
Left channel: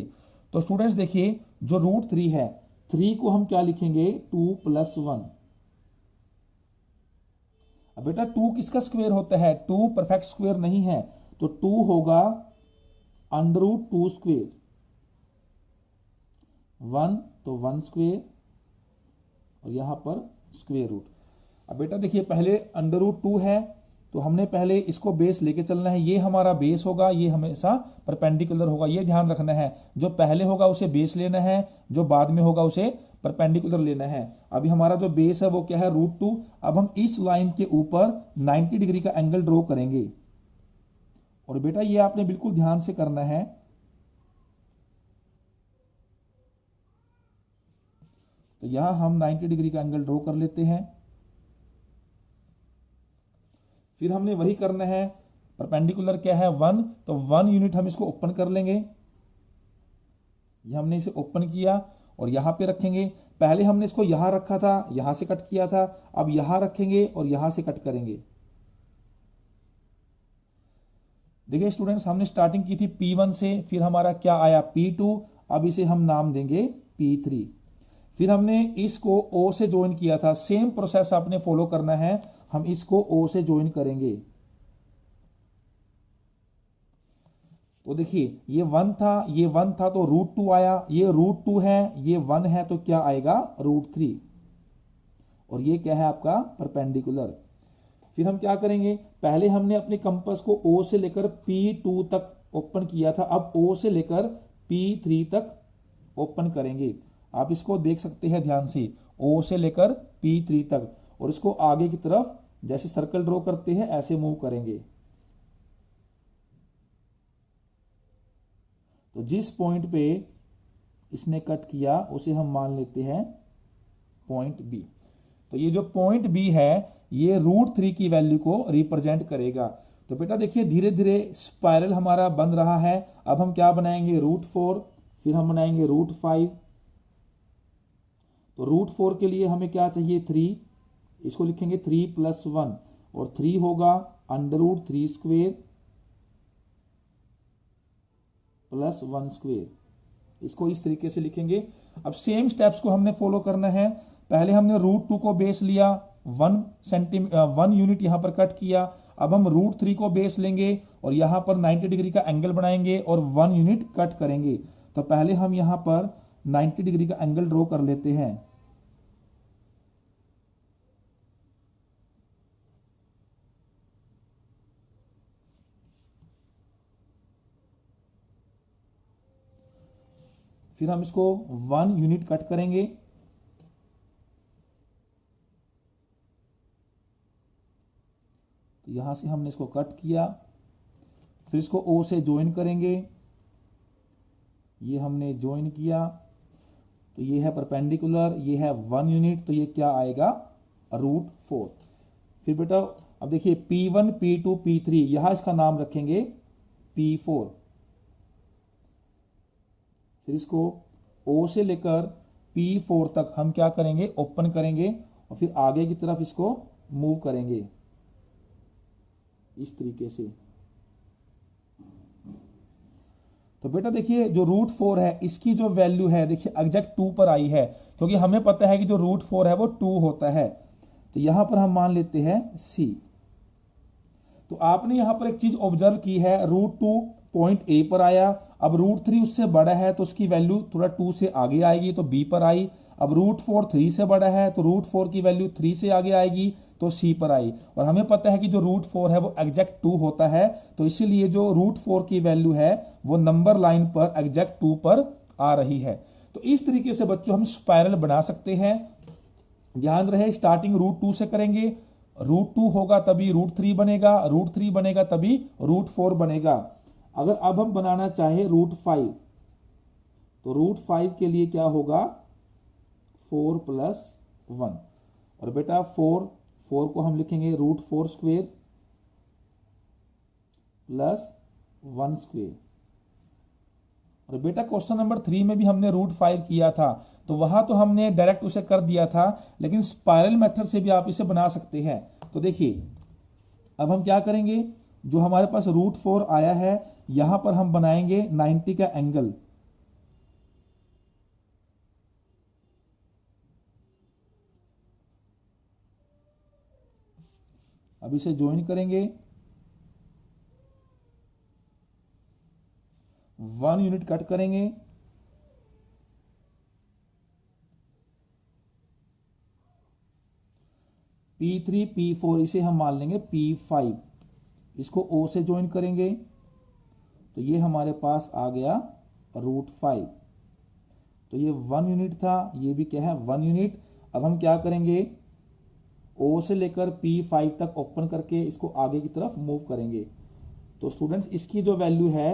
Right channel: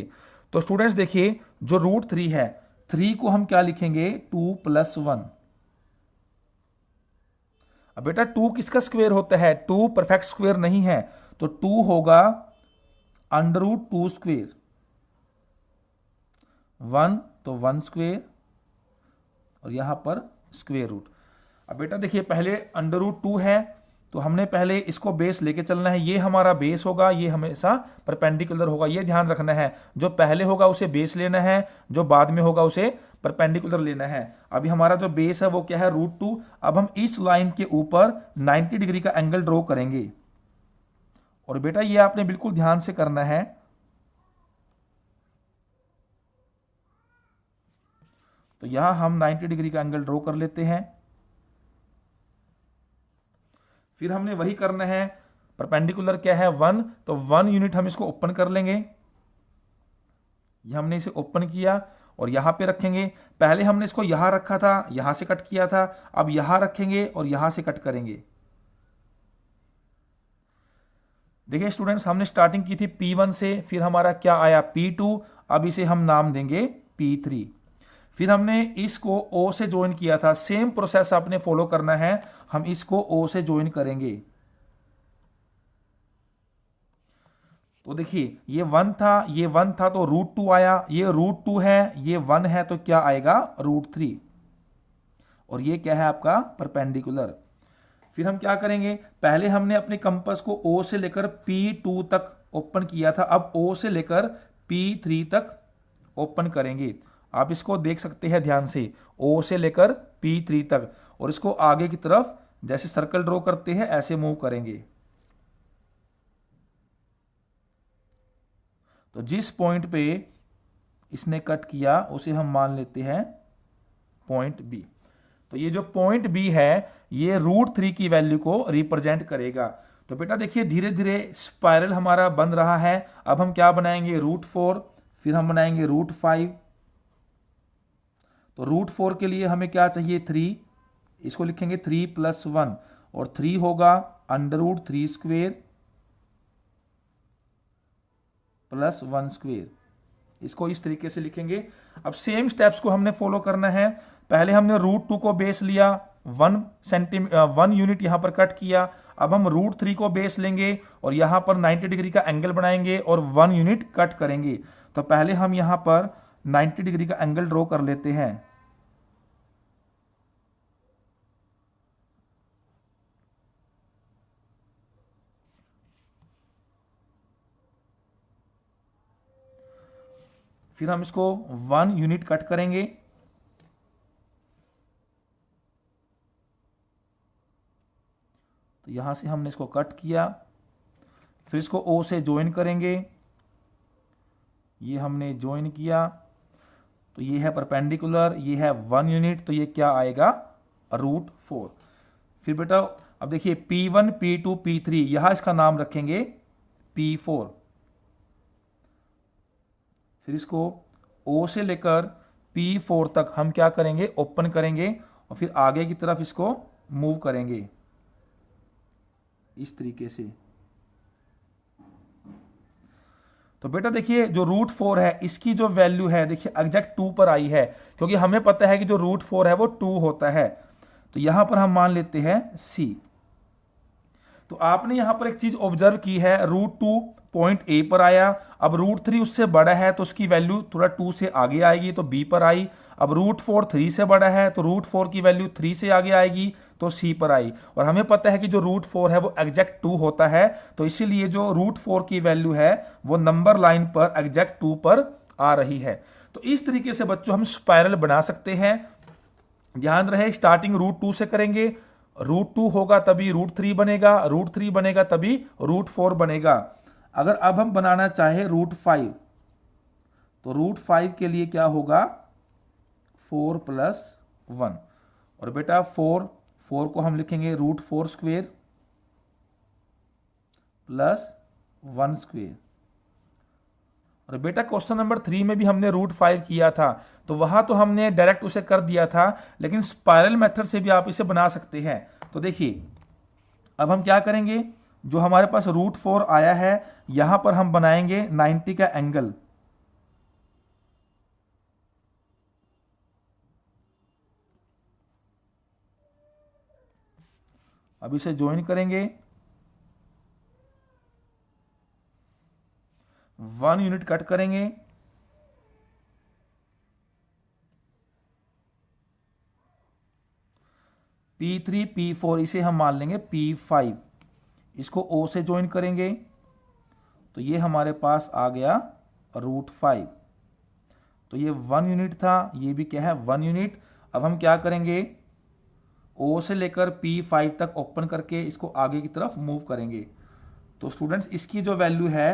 तो स्टूडेंट्स देखिए जो √3 है, 3 को हम क्या लिखेंगे, 2 + 1। अब बेटा 2 किसका स्क्वायर होता है, 2 परफेक्ट स्क्वायर नहीं है, तो 2 होगा √2 स्क्वायर। 1 तो 1 स्क्वायर, और यहां पर स्क्वायर रूट। अब बेटा देखिए पहले √2 है, तो हमने पहले इसको बेस लेके चलना है। ये हमारा बेस होगा, ये हमेशा परपेंडिकुलर होगा, ये ध्यान रखना है। जो पहले होगा उसे बेस लेना है, जो बाद में होगा उसे परपेंडिकुलर लेना है। अभी हमारा जो बेस है वो क्या है, √2। अब हम इस लाइन के ऊपर 90 डिग्री का एंगल ड्रॉ करेंगे। और बेटा ये आपने बिल्कुल ध्यान से करना है। तो यहां हम 90 डिग्री का एंगल ड्रॉ कर लेते हैं। फिर हमने वही करना है, परपेंडिकुलर क्या है, 1। तो 1 यूनिट हम इसको ओपन कर लेंगे। ये हमने इसे ओपन किया और यहां पे रखेंगे। पहले हमने इसको यहां रखा था, यहां से कट किया था। अब यहां रखेंगे और यहां से कट करेंगे। देखिए स्टूडेंट्स हमने स्टार्टिंग की थी P1 से, फिर हमारा क्या आया, P2। अब इसे हम नाम देंगे P3। फिर हमने इसको O से ज्वाइन किया था, सेम प्रोसेस आपने फॉलो करना है। हम इसको O से ज्वाइन करेंगे। तो देखिए ये 1 था, ये 1 था, तो √2 आया। ये √2 है, ये 1 है, तो क्या आएगा, √3। और ये क्या है आपका परपेंडिकुलर। फिर हम क्या करेंगे, पहले हमने अपने कंपास को O से लेकर P2 तक ओपन किया था, अब O से लेकर P3 तक ओपन करेंगे। आप इसको देख सकते हैं ध्यान से, O से लेकर P3 तक, और इसको आगे की तरफ जैसे सर्कल ड्रॉ करते हैं ऐसे मूव करेंगे। तो जिस पॉइंट पे इसने कट किया उसे हम मान लेते हैं पॉइंट बी। तो ये जो पॉइंट बी है ये √3 की वैल्यू को रिप्रेजेंट करेगा। तो बेटा देखिए धीरे धीरे स्पाइरल हमारा बन रहा है। अब हम क्या बनाएंगे, √4, फिर हम बनाएंगे √5। तो √4 के लिए हमें क्या चाहिए, 3, इसको लिखेंगे 3 + 1, और 3 होगा √3² + 1²। इसको इस तरीके से लिखेंगे। अब सेम स्टेप्स को हमने फॉलो करना है। पहले हमने √2 को बेस लिया, 1 यूनिट यहां पर कट किया। अब हम √3 को बेस लेंगे और यहां पर 90 डिग्री का एंगल बनाएंगे और 1 यूनिट कट करेंगे। तो पहले हम यहां पर 90 डिग्री का एंगल ड्रॉ कर लेते हैं। फिर हम इसको 1 यूनिट कट करेंगे। तो यहां से हमने इसको कट किया, फिर इसको O से ज्वाइन करेंगे। ये हमने ज्वाइन किया, तो ये है परपेंडिकुलर, ये है 1 यूनिट, तो ये क्या आएगा, √4। फिर बेटा अब देखिए P1 P2 P3, यहां इसका नाम रखेंगे P4। फिर इसको O से लेकर P4 तक हम क्या करेंगे, ओपन करेंगे और फिर आगे की तरफ इसको मूव करेंगे इस तरीके से। तो बेटा देखिए जो √4 है इसकी जो वैल्यू है देखिए एग्जैक्ट 2 पर आई है, क्योंककि हमें पता है कि जो √4 है वो 2 होता है। तो यहां पर हम मान लेते हैं C। तो आपने यहां पर एक चीज ऑब्जर्व की है, √2 पॉइंट A पर आया, अब √3 उससे बड़ा है तो उसकी वैल्यू थोड़ा 2 से आगे आएगी तो B पर आई। अब √4 3 से बड़ा है तो √4 की वैल्यू 3 से आगे आएगी तो C पर आई। और हमें पता है कि जो √4 है वो एग्जैक्ट 2 होता है, तो इसीलिए जो √4 की वैल्यू है वो नंबर लाइन पर एग्जैक्ट 2 पर आ रही है। तो इस तरीके से बच्चों हम स्पाइरल बना सकते हैं। ध्यान रहे स्टार्टिंग √2 से करेंगे, √2 होगा तभी √3 बनेगा, √3 बनेगा तभी √4 बनेगा। अगर अब हम बनाना चाहे √5, तो √5 के लिए क्या होगा, 4 + 1, और बेटा 4 को हम लिखेंगे √4² + 1²। और बेटा क्वेश्चन नंबर 3 में भी हमने √5 किया था, तो वहां तो हमने डायरेक्ट उसे कर दिया था, लेकिन स्पाइरल मेथड से भी आप इसे बना सकते हैं। तो देखिए अब हम क्या करेंगे, जो हमारे पास √4 आया है यहां पर हम बनाएंगे 90 का एंगल। अब इसे ज्वाइन करेंगे, 1 यूनिट कट करेंगे, P3 P4 इसे हम मान लेंगे P5। इसको O से ज्वाइन करेंगे तो ये हमारे पास आ गया √5। तो ये 1 यूनिट था, ये भी क्या है 1 यूनिट। अब हम क्या करेंगे, O से लेकर P5 तक ओपन करके इसको आगे की तरफ मूव करेंगे। तो स्टूडेंट्स इसकी जो वैल्यू है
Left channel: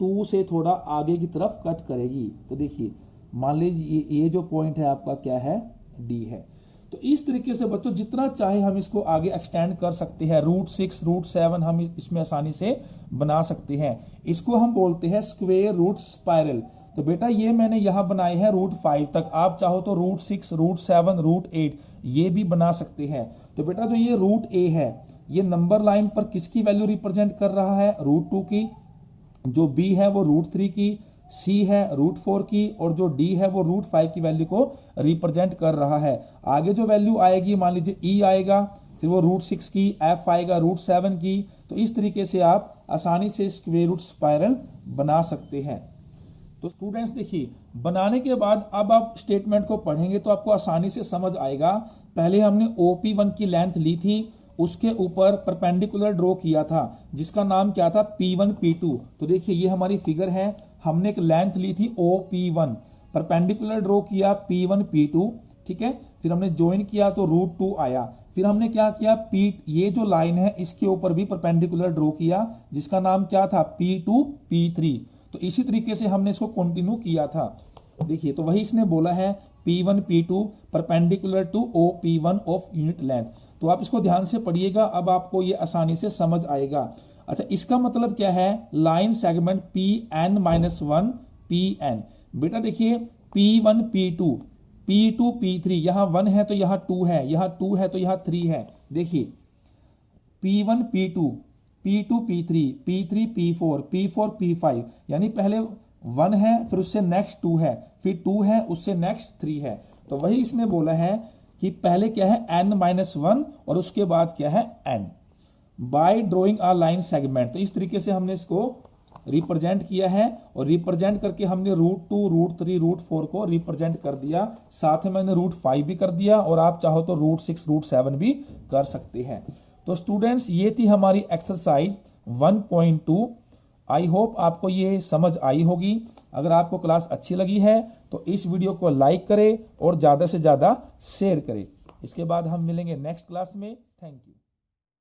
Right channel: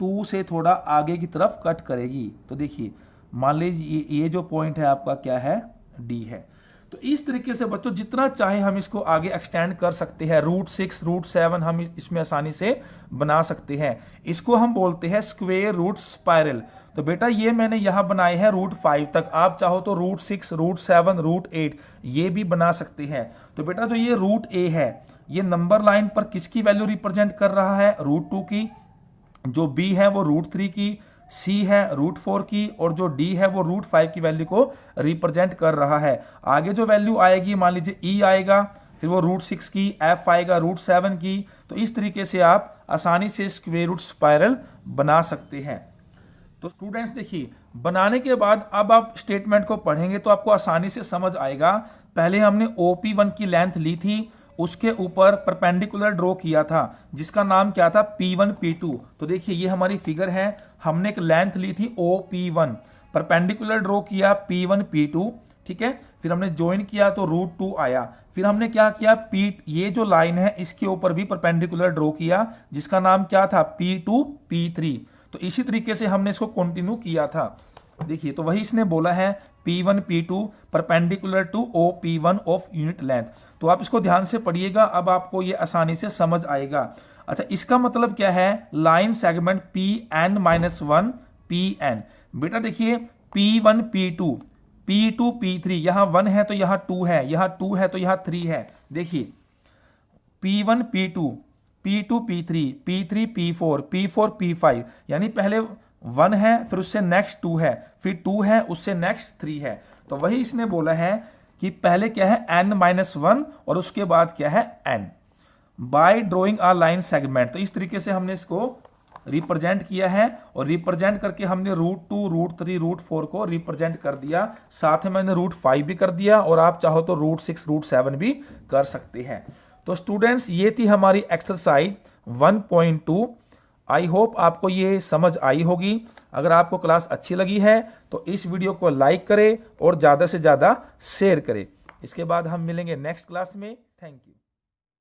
2 से थोड़ा आगे की तरफ कट करेगी। तो देखिए मान लीजिए ये जो पॉइंट है आपका क्या है, D है। तो इस तरीके से बच्चों जितना चाहे हम इसको आगे एक्सटेंड कर सकते हैं, √6 √7 हम इसमें आसानी से बना सकते हैं। इसको हम बोलते हैं स्क्वेयर रूट स्पाइरल। तो बेटा ये मैंने यहां बनाए हैं √5 तक, आप चाहो तो √6 √7 √8 ये भी बना सकते हैं। तो बेटा जो ये √A है ये नंबर लाइन पर किसकी वैल्यू रिप्रेजेंट कर रहा है, √2 की, जो B है वो √3 की, C है √4 की, और जो D है वो √5 की वैल्यू को रिप्रेजेंट कर रहा है। आगे जो वैल्यू आएगी मान लीजिए E आएगा, फिर वो √6 की, F आएगा √7 की। तो इस तरीके से आप आसानी से स्क्वायर रूट स्पाइरल बना सकते हैं। तो स्टूडेंट्स देखिए बनाने के बाद अब आप स्टेटमेंट को पढ़ेंगे तो आपको आसानी से समझ आएगा। पहले हमने OP1 की लेंथ ली थी उसके ऊपर परपेंडिकुलर ड्रॉ किया था जिसका नाम क्या था P1 P2। तो देखिए ये हमारी फिगर है, हमने एक लेंथ ली थी OP1, परपेंडिकुलर ड्रॉ किया P1 P2, ठीक है, फिर हमने ज्वाइन किया तो √2 आया। फिर हमने क्या किया, ये जो लाइन है इसके ऊपर भी परपेंडिकुलर ड्रॉ किया जिसका नाम क्या था P2 P3। तो इसी तरीके से हमने इसको कंटिन्यू किया था। देखिए तो वही इसने बोला है P1 P2 perpendicular to OP1 of unit length. तो आप इसको ध्यान से पढ़िएगा, अब आपको ये आसानी से समझ आएगा। अच्छा, इसका मतलब क्या है, लाइन सेगमेंट Pn-1 Pn। बेटा देखिए P1 P2 P2 P3, यहां 1 है तो यहां 2 है, यहां 2 है तो यहां 3 है। देखिए P1 P2 P2 P3 P3 P4 P4 P5, यानी पहले 1 है फिर उससे नेक्स्ट 2 है, फिर 2 है उससे नेक्स्ट 3 है। तो वही इसने बोला है कि पहले क्या है n-1 और उसके बाद क्या है n। Bye drawing a line segment, तो इस तरीके से हमने इसको रिप्रेजेंट किया है और रिप्रेजेंट करके हमने √2 √3 √4 को रिप्रेजेंट कर दिया, साथ में मैंने √5 भी कर दिया और आप चाहो तो √6 √7 भी कर सकते हैं। तो स्टूडेंट्स ये थी हमारी एक्सरसाइज 1.2। आई होप आपको ये समझ आई होगी। अगर आपको क्लास अच्छी लगी है तो इस वीडियो को लाइक करें और ज़्यादा से ज़्यादा शेयर करें। इसके बाद हम मिलेंगे नेक्स्ट क्लास में। Thank you.